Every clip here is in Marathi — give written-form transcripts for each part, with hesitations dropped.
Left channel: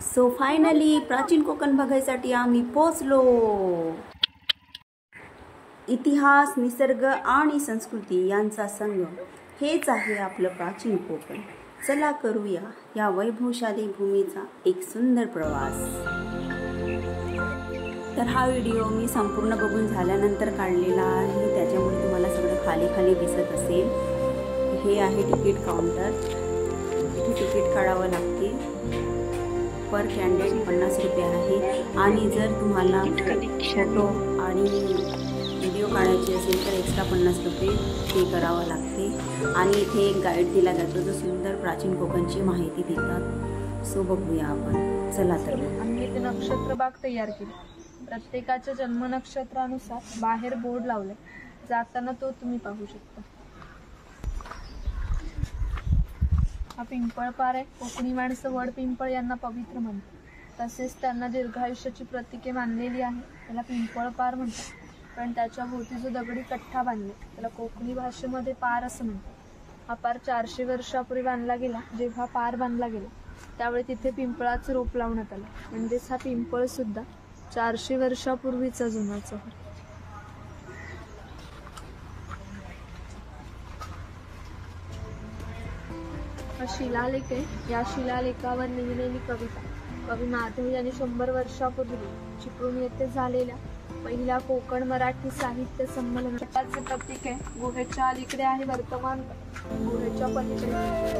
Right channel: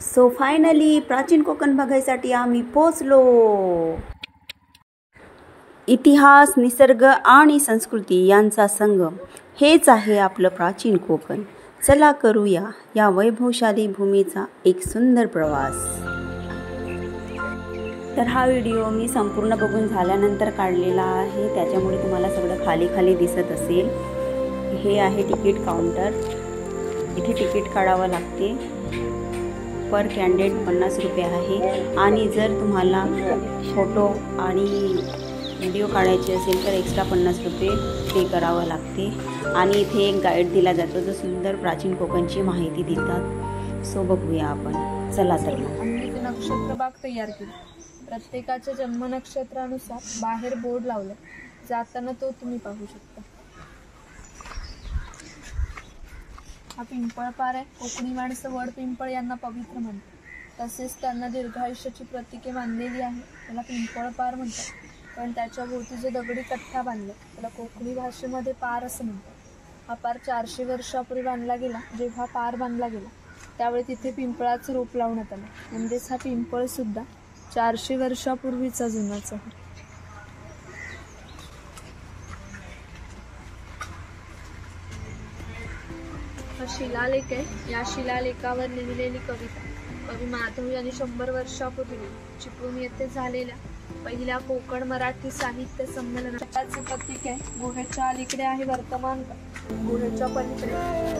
सो फायनली प्राचीन कोकण बघायसाठी आम्ही पोचलो। इतिहास, निसर्ग आणि संस्कृती यांचा संगम हेच आहे आपलं प्राचीन कोकण। चला करूया या वैभवशाली भूमीचा एक सुंदर प्रवास। तर हा व्हिडिओ मी संपूर्ण बघून झाल्यानंतर काढलेला आहे, त्याच्यामुळे तुम्हाला सगळं खाली खाली दिसत असेल। हे आहे तिकीट काउंटर, इथे तिकीट काढावं लागते। पर कॅन्डिडेट 50 रुपये आहे आणि जर तुम्हाला फोटो आणि व्हिडिओ काढायचे असेल तर एक्स्ट्रा 50 रुपये पे करावं लागते। आणि इथे एक गाईड दिला जातो जो सुंदर प्राचीन कोकणची माहिती देतात। सो बघूया आपण, चला तर मग। आम्ही ते नक्षत्र बाग तयार केली। प्रत्येकाच्या जन्म नक्षत्रानुसार बाहेर बोर्ड लावलं, जाताना तो तुम्ही पाहू शकता। हा पिंपळ पार आहे। कोकणी माणसं वड पिंपळ यांना पवित्र म्हणतात, तसेच त्यांना दीर्घायुष्याची प्रतीके मानलेली आहे। त्याला पिंपळ पार म्हणतात, कारण त्याच्या भोवती जो दगडी कट्टा बांधला त्याला कोकणी भाषेमध्ये पार असं म्हणतात। हा पार 400 वर्षापूर्वी बांधला गेला। जेव्हा पार बांधला गेला त्यावेळी तिथे पिंपळाचं रोप लावण्यात आलं, म्हणजेच हा पिंपळ सुद्धा 400 वर्षापूर्वीचा जुनाच आहे। हा शिलालेख आहे। या शिलालेखावर लिहिलेली कविता कवी माधव यांनी 100 वर्षापूर्वी चिपळूण येथे झालेल्या पहिल्या कोकण मराठी साहित्य संमेलनाचे प्रतीक आहे। गुहेच्या अलीकडे आहे वर्तमान, गुहेच्या पलीकडे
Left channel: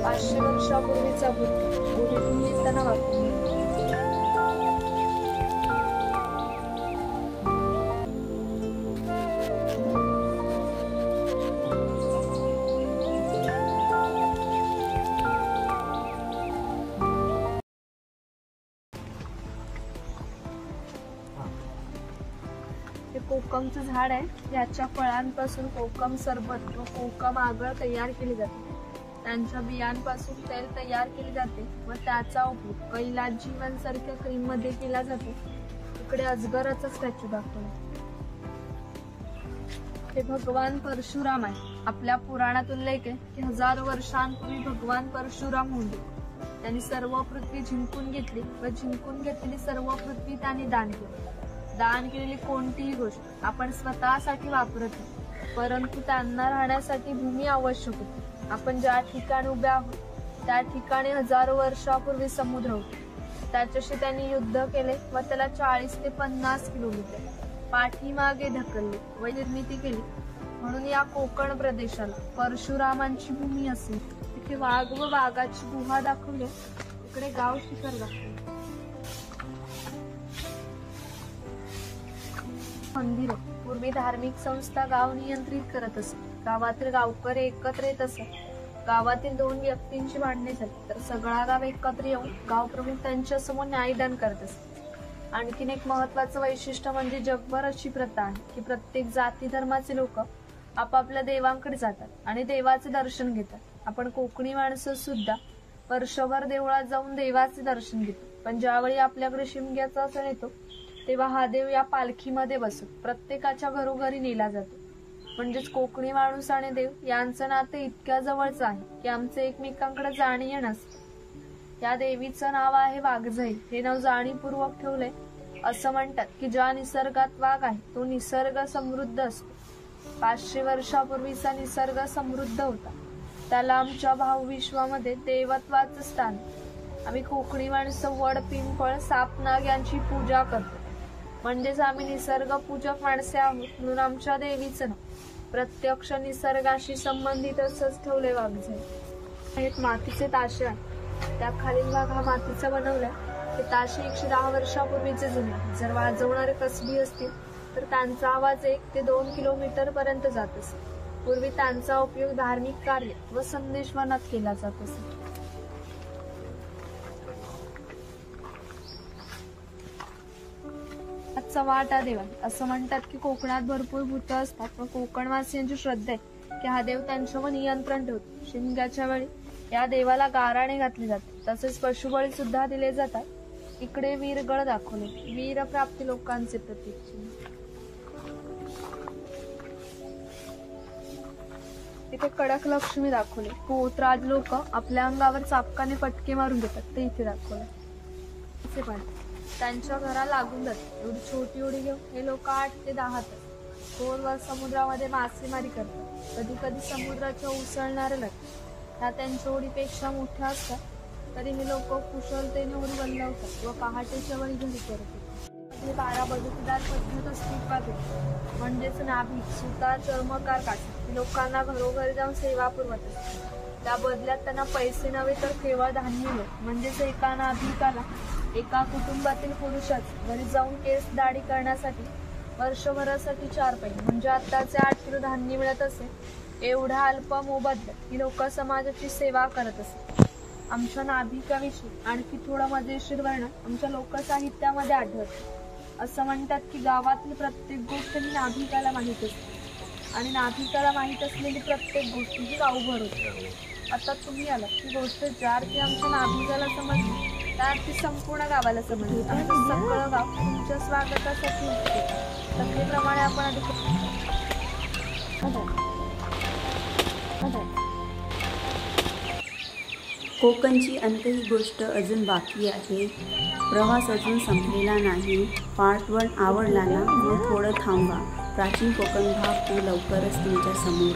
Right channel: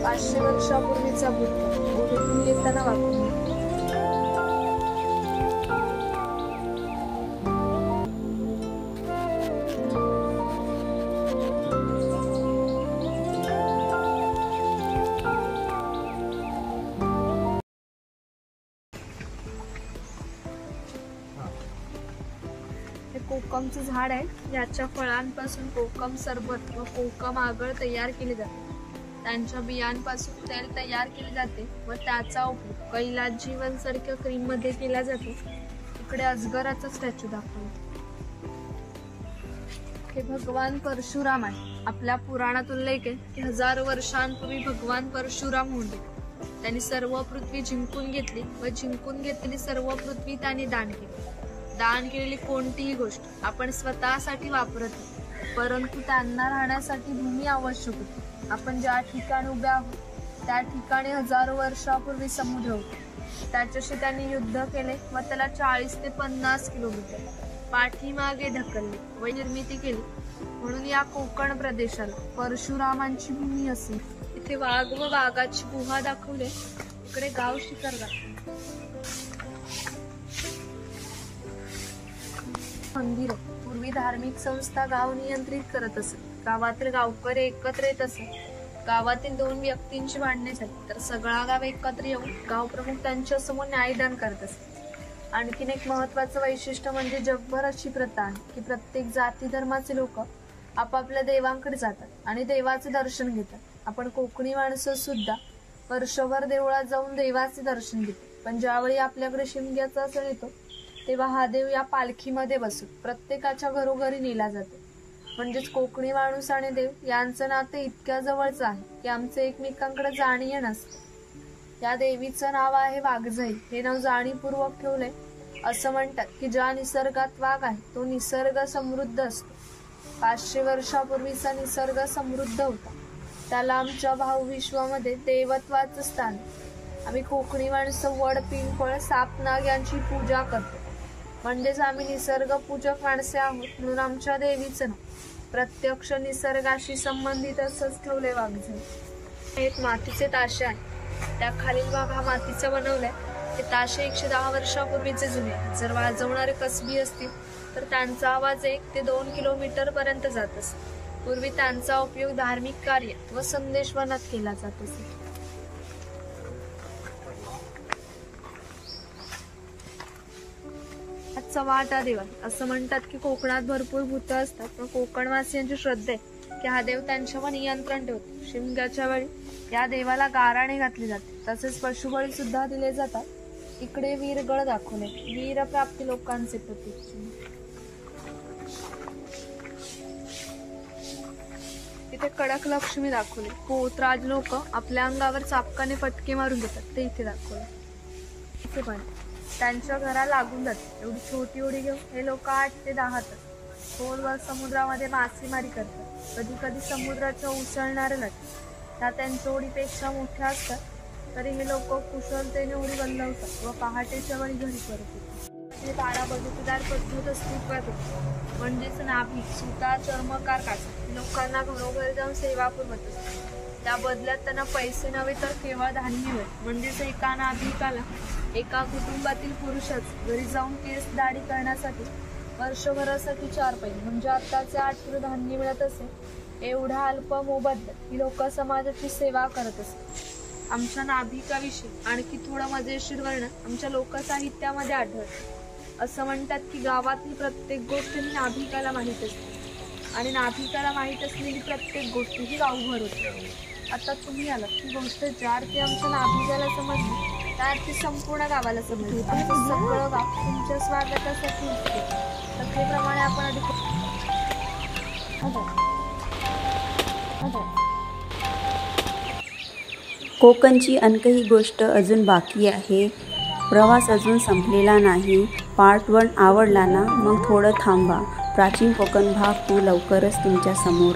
500 वर्षापूर्वीचा भूत गुहेतून येताना वाटतो। कोकमचं झाड आहे। याच्या फळांपासून कोकम सरबत व कोकम आगळ तयार केले जाते। त्यांच्या बियांपासून तेल तयार केले जाते व त्याचा उपयोग कैलास जीवनसारख्या क्रीम मध्ये केला जातो। इकडे अजगराचा स्टॅच्यू दाखवला। हे भगवान परशुराम आहे। आपल्या पुराणात उल्लेख आहे की 1000 वर्षांपूर्वी भगवान परशुराम होते। त्यांनी सर्व पृथ्वी जिंकून घेतली व जिंकून घेतलेली सर्व पृथ्वी त्यांनी दान केली। दान केलेली कोणतीही गोष्ट आपण स्वतःसाठी वापरत नाही, परंतु त्यांना राहण्यासाठी भूमी आवश्यक होती। आपण ज्या ठिकाणी उभे आहोत त्या ठिकाणी हजारो वर्षापूर्वी समुद्र होता। त्याच्याशी त्यांनी युद्ध केले व त्याला 40 ते 50 किलोमीटर पाठीमागे ढकलले व निर्मिती केली, म्हणून या कोकण प्रदेशाला परशुरामांची भूमी असेल। इथे वाघ व वाघाची गुहा दाखवले, इकडे गाव शिखर दाखवले। मंदिर पूर्वी धार्मिक संस्था गाव नियंत्रित करत असत। गावातील गावकरी एकत्र येत असत। गावातील 2 व्यक्तींची भांडणे झाली तर सगळा गाव एकत्र येऊन गाव प्रमुख त्यांच्या समोर न्यायदान करत असत। आणखीन एक महत्वाचं वैशिष्ट्य म्हणजे जगभर अशी प्रथा आहे की प्रत्येक जाती धर्माचे लोक आपापल्या देवांकडे जातात आणि देवाचे दर्शन घेतात। आपण कोकणी माणसं सुद्धा वर्षभर देवळात जाऊन देवाचे दर्शन घेतो, पण ज्यावेळी आपल्याकडे शिमग्याचा सण येतो तेव्हा हा देव या पालखीमध्ये बसून प्रत्येकाच्या घरोघरी नेला जातो। म्हणजेच कोकणी माणूस आणि देव यांचं नाते इतक्या जवळचं आहे की आमचे एकमेकांकडे जाणीव नसते। या देवीचं नाव आहे वाघजाई। हे नाव जाणीवपूर्वक ठेवलंय। असं म्हणतात की ज्या निसर्गात वाघ आहे तो निसर्ग समृद्ध असतो। 500 वर्षापूर्वीचा निसर्ग समृद्ध होता, त्याला आमच्या भावविश्वामध्ये देवत्वाचं स्थान। आम्ही कोकणी माणसं वड पिंपळ साप नाग यांची पूजा करतो, म्हणजेच आम्ही निसर्ग पूजक माणसे आहोत। म्हणून आमच्या देवीचं नाव प्रत्यक्ष निसर्गाशी संबंधित असंच ठेवले वाघजाई। एक मातीचे ताशे आहे, त्या खालील भाग हा मातीचा बनवलाय। हे ताशे 110 वर्षापूर्वीचे जुने आहेत। जर वाजवणारे कसबी असतील तर त्यांचा आवाज 1 ते 2 किलोमीटर पर्यंत जात असे। पूर्वी त्यांचा उपयोग धार्मिक कार्य व संदेशवहनात केला जात असे। चव्हाटा देव आहे। असं म्हणतात की कोकणात भरपूर भूत असतात, पण कोकणवासियांची श्रद्धा आहे की हा देव त्यांच्यावर नियंत्रण ठेवतो। शिमग्याच्या वेळी या देवाला गाराणे घातले जाते, तसेच पशुबळी सुद्धा दिले जातात। इकडे वीरगळ दाखवले, वीर प्राप्ती लोकांचे प्रतीक। इथे कडक लक्ष्मी दाखवले, पोतराज लोक आपल्या अंगावर चापकाने फटके मारून घेतात, ते इथे दाखवले। पण त्यांच्या घरा लागून जाते. एवढी छोटी उडी घेऊन हे लोक 8 ते 10 तास खोलवर समुद्रामध्ये मासेमारी करतात. कधी कधी समुद्राच्या उसळणाऱ्या लाटा त्या त्यांच्या उडीपेक्षा मोठ्या असतात, तरी हे लोक कुशलतेने उडी बंधवतात व पहाटेच्या वेळी घरी करतात. 12 बदलदार पद्धत अस्तित्वात होती, म्हणजेच नाभिक सुता चर्मकार काढतात. लोकांना घरोघरी जाऊन सेवा पुरवत असतात. त्या बदल्यात त्यांना पैसे नव्हे तर केवळ धान्य मिळेल. म्हणजेच एका नाभिकाला एका कुटुंबातील पुरुषाच घरी जाऊन केस दाढी करण्यासाठी वर्षभरासाठी 4 पैसे म्हणजे आताचे 8 किलो धान्य मिळत असे. एवढा अल्प मोबदल्यात ही लोक समाजाची सेवा करत असत. आमच्या नाभिकाविषयी आणखी थोडं मजेशीर वर्णन आमच्या लोकसाहित्यामध्ये आढळतं. असं म्हणतात की गावातली प्रत्येक गोष्ट ही नाभिकाला माहीत असते आणि नाभिकाला माहीत असलेली प्रत्येक गोष्ट ही गावभर होते. आता तुम्ही आलात ती गोष्ट ज्या अर्थी आमच्या नाभिकाला समजली त्या अर्थी संपूर्ण गावाला समजली. आमचं सगळं गाव तुमच्या स्वागतासाठी उठते. कथेप्रमाणे आपण अधिक कोकणची आणखी गोष्ट अजून बाकी आहे. प्रवास अजून संपलेला नाही. पार्ट 1 आवडला ना, मग थोडं थांबा. प्राचीन कोकण भाग 2 लवकरच तुमच्या समोर.